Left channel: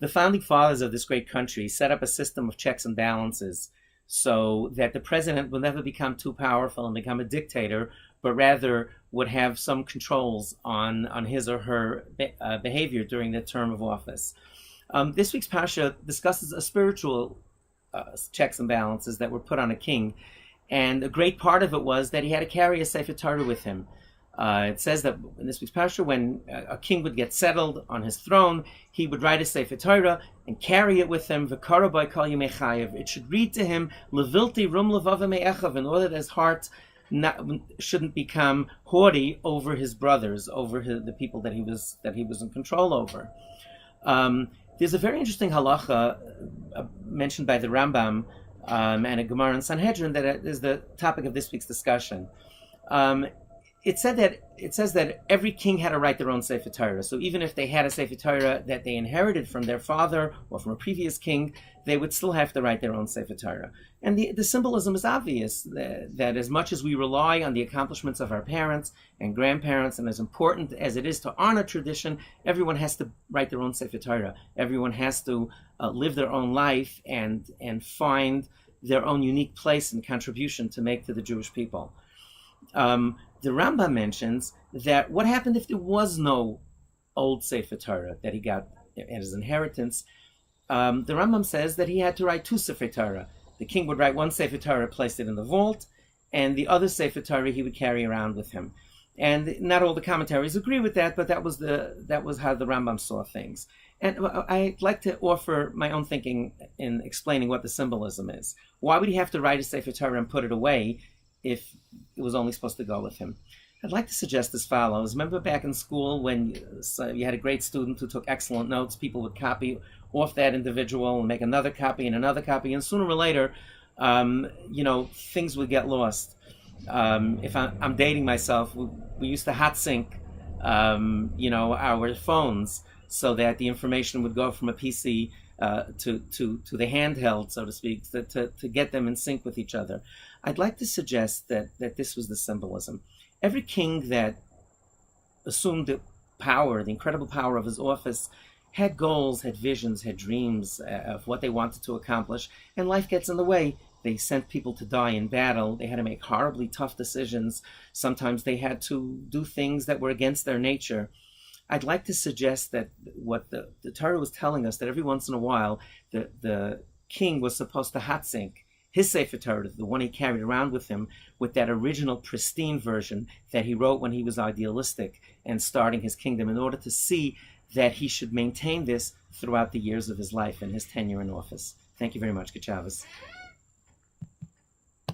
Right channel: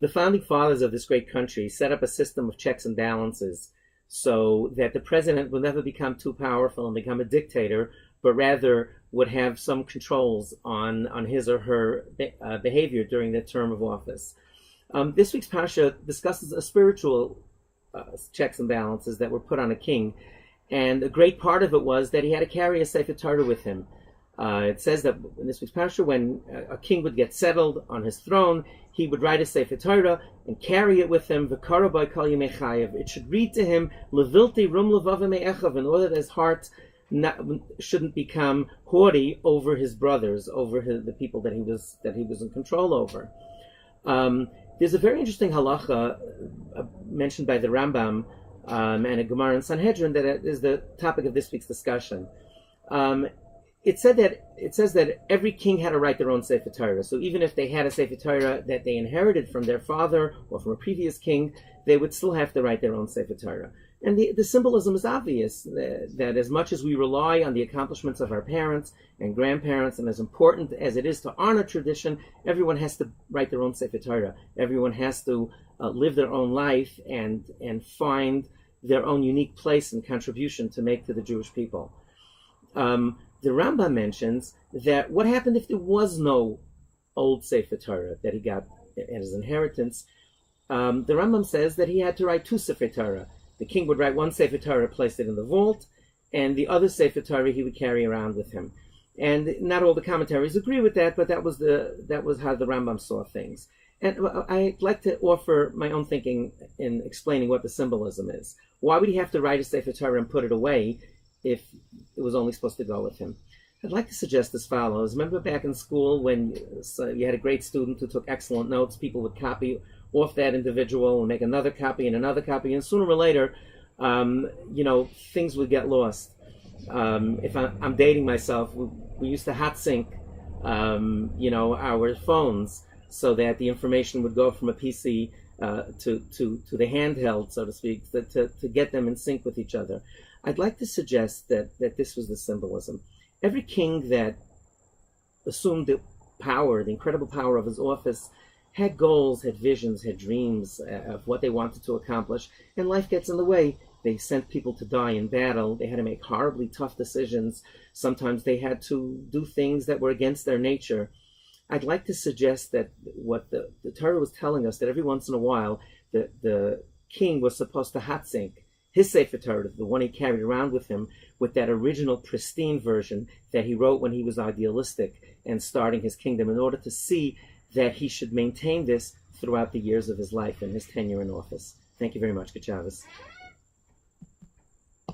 The founding fathers of this great country set up a system of checks and balances so that the president will never become too powerful and become a dictator, but rather would have some controls on his or her behavior during their term of office. This week's Parsha discusses a spiritual checks and balances that were put on a king, and a great part of it was that he had to carry a Sefer Torah with him. It says that in this week's Parsha, when a king would get settled on his throne, he would write a Sefer Torah and carry it with him. V'kara by kol yemei chayev. It should read to him levilti rum levav me'echav, in order that his heart shouldn't become haughty over his brothers, over the people that he was in control over. There's a very interesting halacha mentioned by the Rambam and a Gemara in Sanhedrin that is the topic of this week's discussion. It says that every king had to write their own Sefer Torah. So even if they had a Sefer Torah that they inherited from their father or from a previous king, they would still have to write their own Sefer Torah. And the symbolism is obvious, that as much as we rely on the accomplishments of our parents and grandparents, and as important as it is to honor tradition, everyone has to write their own Sefer Torah. Everyone has to live their own life and find their own unique place and contribution to make to the Jewish people. The Rambam mentions that what happened if there was no old Sefer Torah that he got as his inheritance. The Rambam says that he had to write two Sefer Torah. The king would write one Sefer Torah, place it in the vault, and the other Sefer Torah he would carry around with him. And not all the commentaries agree with that, but that was how the Rambam saw things. And I'd like to offer my own thinking in explaining what the symbolism is. Why would he have to write a Sefer Torah and put it away if it was only supposed to go with him? I'd like to suggest as follows. Remember back in school when you had a great student who took excellent notes, people would copy off that individual and make another copy, and sooner or later, things would get lost. If I'm dating myself, we used to hot sync, our phones so that the information would go from a PC to the handheld, so to speak, to get them in sync with each other. I'd like to suggest that this was the symbolism. Every king that assumed the incredible power of his office, had goals, had visions, had dreams of what they wanted to accomplish, and life gets in the way. They sent people to die in battle. They had to make horribly tough decisions. Sometimes they had to do things that were against their nature. I'd like to suggest that what the Torah was telling us, that every once in a while, the king was supposed to hot sync his Sefer Torah, the one he carried around with him, with that original pristine version that he wrote when he was idealistic and starting his kingdom, in order to see that he should maintain this throughout the years of his life and his tenure in office. Thank you very much. Good Shabbos.